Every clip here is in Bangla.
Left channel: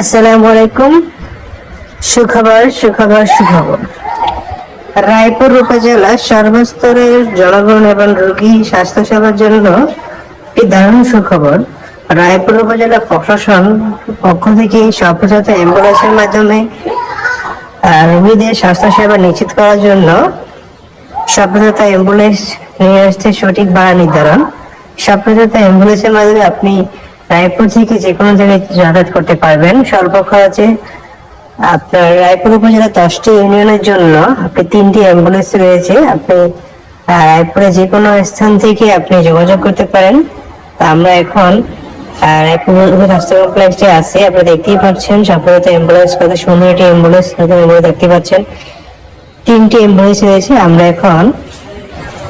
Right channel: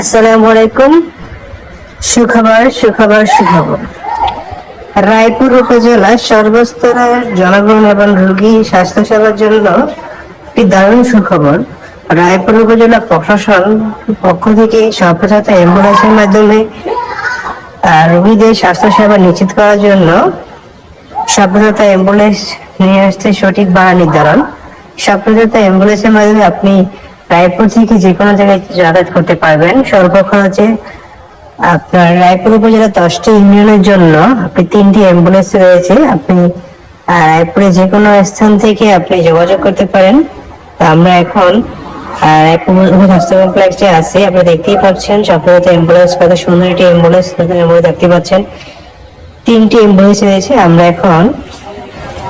আসসালামু আলাইকুম। সুখবর সুখবর সুখবর। রায়পুর জনগণ এবং রোগী জন্য একটি দারুণ সুখবর। রায়পুর উপজেলা প্রশাসন পক্ষ থেকে অ্যাম্বুলেন্সের মাধ্যমে রোগীদের স্বাস্থ্য সেবা নিশ্চিত করার জন্য সপ্রসাত অ্যাম্বুলেন্স নিয়ে আসছে সঠিক ভাড়া নির্ধারণ। সপ্রসাত অ্যাম্বুলেন্সের মাধ্যমে আপনি রায়পুর থেকে যে কোনো জায়গায় যাতায়াত করতে পারবেন? স্বল্প খরচে আপনার রায়পুর উপজেলা দশটি ইউনিয়নের জন্য আপনি তিনটি অ্যাম্বুলেন্স রয়েছে। আপনি রায়পুরে যে কোনো স্থান থেকে আপনি যোগাযোগ করতে পারেন। তো আমরা এখন রায়পুর স্বাস্থ্য কমপ্লেক্সে আছি। আপনি দেখতেই পাচ্ছেন সফলতা অ্যাম্বুলেন্স, কত সুন্দর একটি অ্যাম্বুলেন্স দেখতে পাচ্ছেন। তিনটি অ্যাম্বুলেন্স রয়েছে। আমরা এখন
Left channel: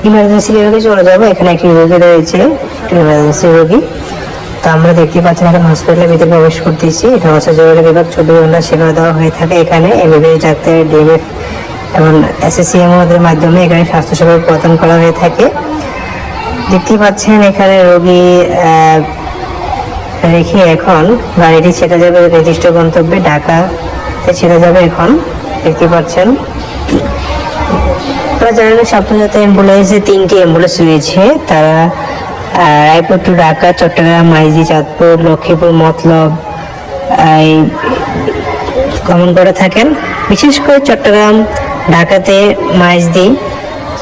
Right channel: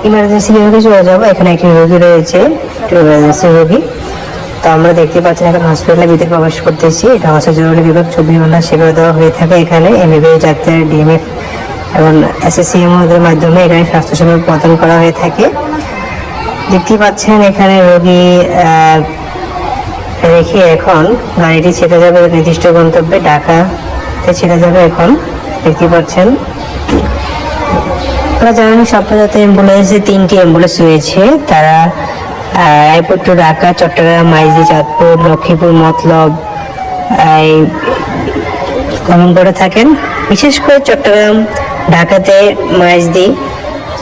ইমার্জেন্সি বিভাগে চলে যাব এখানে একটি রোগী রয়েছে ইমার্জেন্সি রোগী। তো আমরা দেখতে পাচ্ছি এখন হসপিটালের ভিতরে প্রবেশ করতেছি। এটা হচ্ছে জরুরি বিভাগ চব্বিশ ঘণ্টা সেবা দেওয়া হয়ে থাকে এখানে। এমবিবিএস ডাক্তার ডিএমএফ এবং এসএসসিএম এর মাধ্যমে এখানে স্বাস্থ্যসেবা প্রদান করা হয়ে থাকে। দেখতেই পাচ্ছেন এখানে রোগী রেখে এখন গাড়িটি ছেড়ে যাবে নির্দিষ্ট গন্তব্যে, ঢাকাতে ছেড়ে যাবে এখন। দেখতে পাচ্ছেন। আপনারা জানেন সাপ্তাহতে অ্যাম্বুলেন্সে তিনটি অ্যাম্বুলেন্স রয়েছে। তারা রায়পুর টু ঢাকা, চট্টগ্রাম, মাইজি, চাঁদপুর, লক্ষ্মীপুর, মতলব গমন করে থাকেন। বিশেষ করে চট্টগ্রাম, ঢাকাতে মাইজদি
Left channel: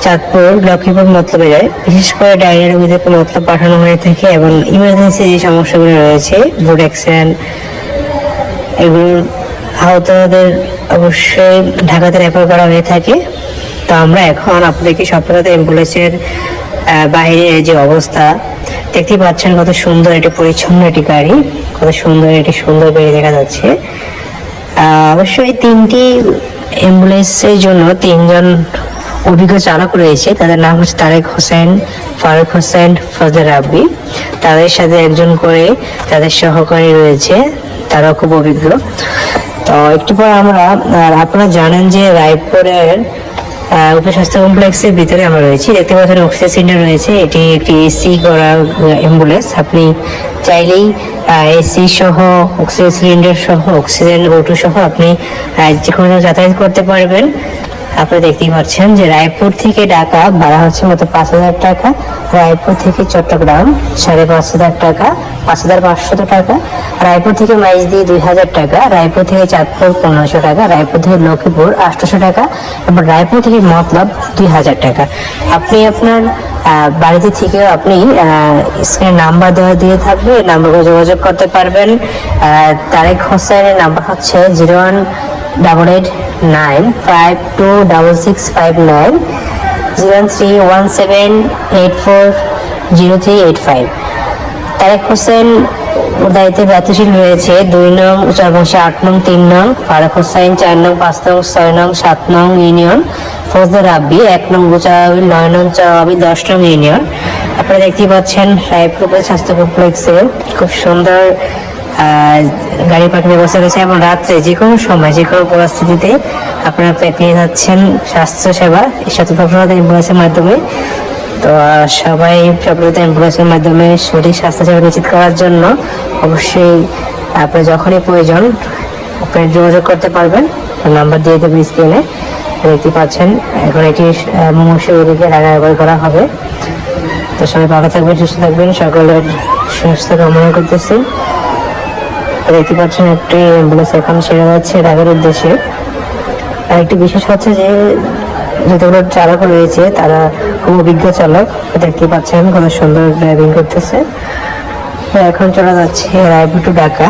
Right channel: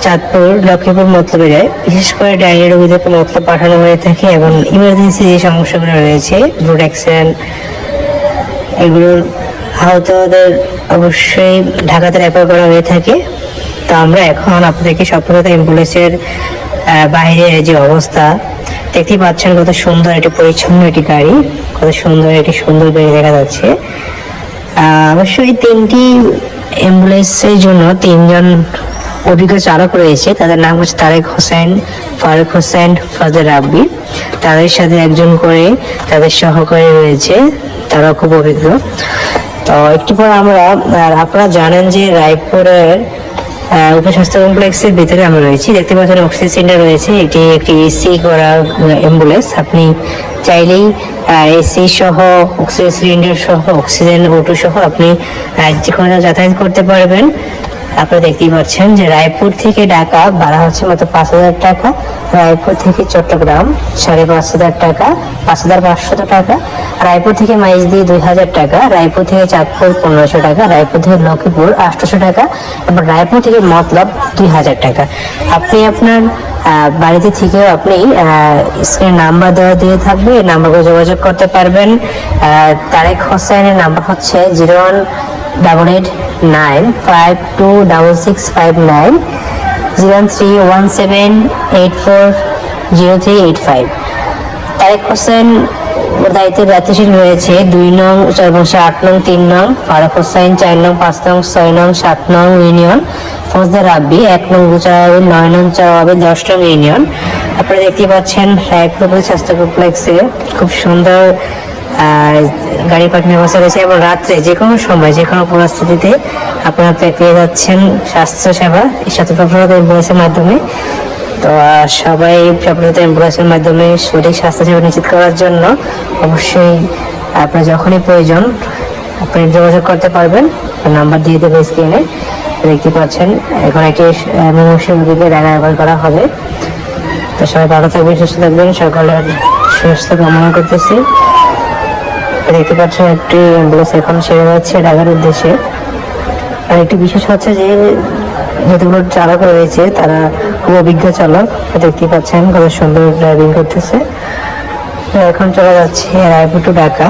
চাঁদপুর, লক্ষ্মীপুর মতলবে যায় বিশেষ করে ডায়রিয়া রোগীদেরকে মতলব পাঠানো হয়ে থাকে এবং ইমার্জেন্সি যে সমস্যাগুলো রয়েছে রোড অ্যাক্সিডেন্ট এগুলোর আহতদের অবশ্যই ঢাকাতে রেফার করা হয়ে থাকে। তো আমরা এখন আপনাদেরকে সফলতা অ্যাম্বুলেন্সের বাইরের যে অবস্থা দেখতে পাচ্ছেন কত সুন্দর একটি পরিচ্ছন্ন একটি গাড়ি, কত সুন্দর একটি সুন্দর গাড়ি দেখা যাচ্ছে। অবশ্যই তিনটি অ্যাম্বুলেন্সের জন্য তিনজন অভিজ্ঞ চালক রয়েছে। তাদের নাম হচ্ছে তারেক হোসেন, ফারুক হোসেন, ফজল রাব্বি। তাদের সাথে একজন করে তাদের সহকারী রয়েছে তারা খুব অভিজ্ঞ। তো একটু পর আমরা আপনারা জানেন যে রায়পুরের উপস্বাস্থ্য কমপ্লেক্সের ভেতরে আমরা রয়েছি। দেখতে পাচ্ছেন অক্সিজেন সিলিন্ডার রয়েছে। এটি একটি এসি করা অ্যাম্বুলেন্স আপনি চাইলেই এসি সহ, অক্সিজেন সিলিন্ডার সহ, অক্সিজেন ওটু সহ আপনি যে কোনো যাতায়াত করতে পারবেন। আপনারা দেখতেই পাচ্ছেন যে রায়পুর থেকে ঢাকা ভাড়া হচ্ছে মতো পাঁচ হাজার টাকা, রায়পুর থেকে চট্টগ্রাম সাড়ে পাঁচ হাজার টাকা, পাঁচ হাজার পাঁচশত টাকা, রায়পুর থেকে মাইজ দিয়ে দুই হাজার টাকা, রায়পুর থেকে চাঁদপুর পনেরোশো টাকা, রায়পুর থেকে লক্ষ্মীপুর আটশোশো টাকা, এবং রায়পুর থেকে মতলব দুই হাজার টাকা। আপনি আপনার বাড়িতে থেকে আপনি স্ক্রিনে নাম্বার দেওয়া দিয়ে থাকবে, এই নাম্বারে যোগাযোগ করতে পারবেন। তারেক হোসেনের নাম্বার হচ্ছে zero one double eight one seven eight four zero three eight five Tarek Hossain দায়িত্বে দায়িত্বশীল রয়েছে দুই নং সর্বংশ আট নং তিন নং, ফারুক হোসেন চার নং পাঁচ নং ছয় নং সাত নং ইউনিয়ন ফৌজদার রাব্বি এক নং গুচারাবি নয় নং চরাবি দশ নং ইউনিয়ন। আপনারা দেখতে পাচ্ছেন, রায়পুর স্বাস্থ্য কমপ্লেক্সে খুব সুন্দর গাড়ি পার্কিং ব্যবস্থা রয়েছে এবং রাত্রে যে কোনো সময়, যে কোনো পরিস্থিতিতে আপনারা পেয়ে যাচ্ছেন স্বাস্থ্য সেবা সতর্কতা অ্যাম্বুলেন্সের মাধ্যমে। তো সবাই সফলতা অ্যাম্বুলেন্সের মাধ্যমে সঠিক স্বাস্থ্যসেবা নিশ্চিত করার জন্য অবশ্যই আপনার যখনই প্রয়োজন আপনি যোগাযোগ করতে পারবেন। নাম্বার দিয়ে দেবে স্ক্রিনে দেখতে পাচ্ছেন, এখন এটি মুমূর্ষু রোগীকে রেফার করা হবে। তো সবাই ভালো থাকবেন, সুস্থ থাকবেন, সকলের সুস্থ কামনা করতেছি। দেখতে পাচ্ছেন একটি অ্যাম্বুলেন্স এখন সেরে যাচ্ছে ঢাকার উদ্দেশ্যে। আর একটি বিশেষ হচ্ছে যে, যতগুলো চালক রয়েছে, তারা খুব অভিজ্ঞ চালক দেখতে পাচ্ছেন কত সুন্দর ড্রাইভিং করতেছে। এখন চলে যাচ্ছে রায়পুর টু ঢাকা।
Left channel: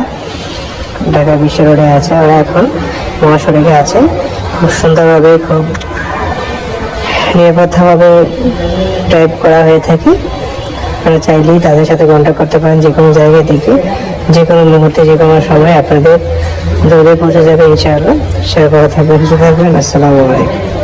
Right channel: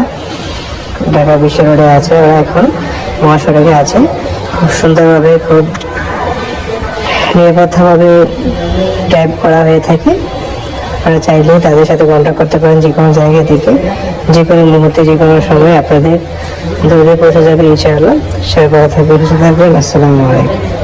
ঢাকা বিশ্ব রোডে আছে ওরা এখন, মহাসড়কে আছে। খুব সুন্দরভাবে, খুব নিরাপদভাবে টাইপ করা হয়ে থাকে। আপনারা চাইলে তাদের সাথে কন্ট্যাক্ট করতে পারেন যে কোনো জায়গা থেকে যে কোনো মুহূর্তে, যে কোনো সময় আপনাদের দৌড়ে পৌঁছে যাবে ইনশাআল্লাহ। ভালো থাকবেন, সুস্থ থাকবেন। আসসালামু আলাইকুম।